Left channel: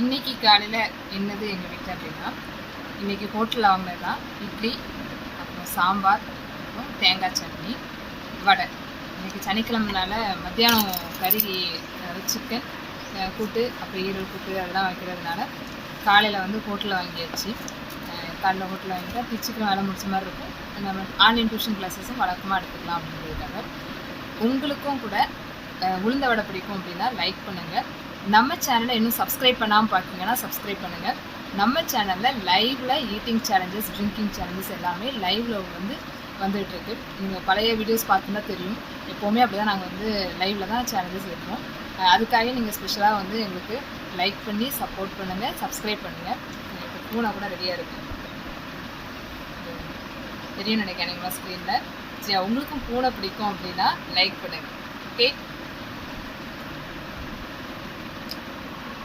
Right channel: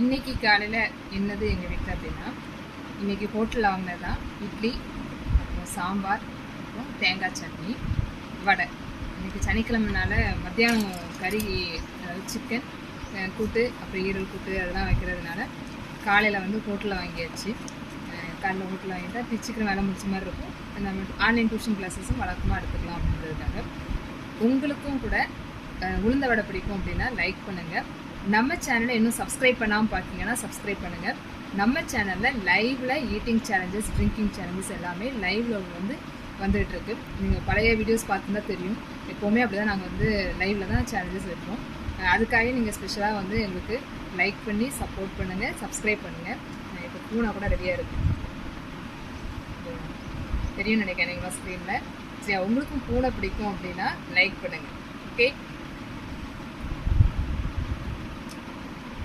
இன்றைக்கி காலையில் என்னது எங்கள் வீட்டில் அப்படின்னா, இன்றைக்கி ஹோட்டலில் வாங்கினது தான் இட்லி, அப்புறம் சாம்பார், அப்புறம் தேங்காய் சட்னி, வடை. இன்றைக்கி சனிக்கிழமைனால மத்தியானம் கறி, அதாவது சிக்கன் கூட்டு, அப்புறம் ஈரல் கூட்டு அதெல்லாம் வைக்கிறதுனால காலையில் வந்து ஹோட்டலில் வாங்கியாச்சு. காலையில் ஹோட்டலில் வாங்கிட்டா சீக்கிரம் வேலை முடிச்ச மாதிரி இருக்கும். நம்ம ஆன்லைன் டியூஷன் கிளாஸஸும் வழக்கமாக எடுத்துக்கலாம் அப்படின்றதுக்காக. உங்களுக்கும் கூட உளுந்த வடை பிடிக்கும் அப்படின்னா லைக் பண்ணுங்கள். நம்ம சேனலை இன்னும் சப்ஸ்கிரைப் பண்ணாமல் பார்க்கிங்கன்னா சப்ஸ்கிரைப் பண்ணுங்கள். நம்ம சேனலில் லைவில் ஈட்டிங் சேலஞ்சஸ், ட்ரிங்கிங் சேலஞ்சஸ் எல்லாமே லைவில் வந்துகிட்ருக்கு. நீங்கள் பழைய வீடியோஸ் பார்த்துன்னா தெரியும். எப்போவுமே அப்படி தான் நாங்கள் வந்து லைவில் தான் சேலஞ்சஸ் வைப்போம். அதுக்காக நீங்கள் ஸ்பெஷலாக வந்து எங்களுக்கு லைக் பண்ணி சப்போர்ட் பண்ணுங்கள், சப்ஸ்கிரைப் பண்ணுங்கள். இப்போ பூனா கூட ரெடியாக இருக்குது, தெரியும் நினைக்கிறேன் எனக்கு ஸ்க்ரீனில். சரி, உங்களுக்கும் பூனை பிடிக்கும் அப்படின்னா லைக் பண்ணுங்கள். ஓகே.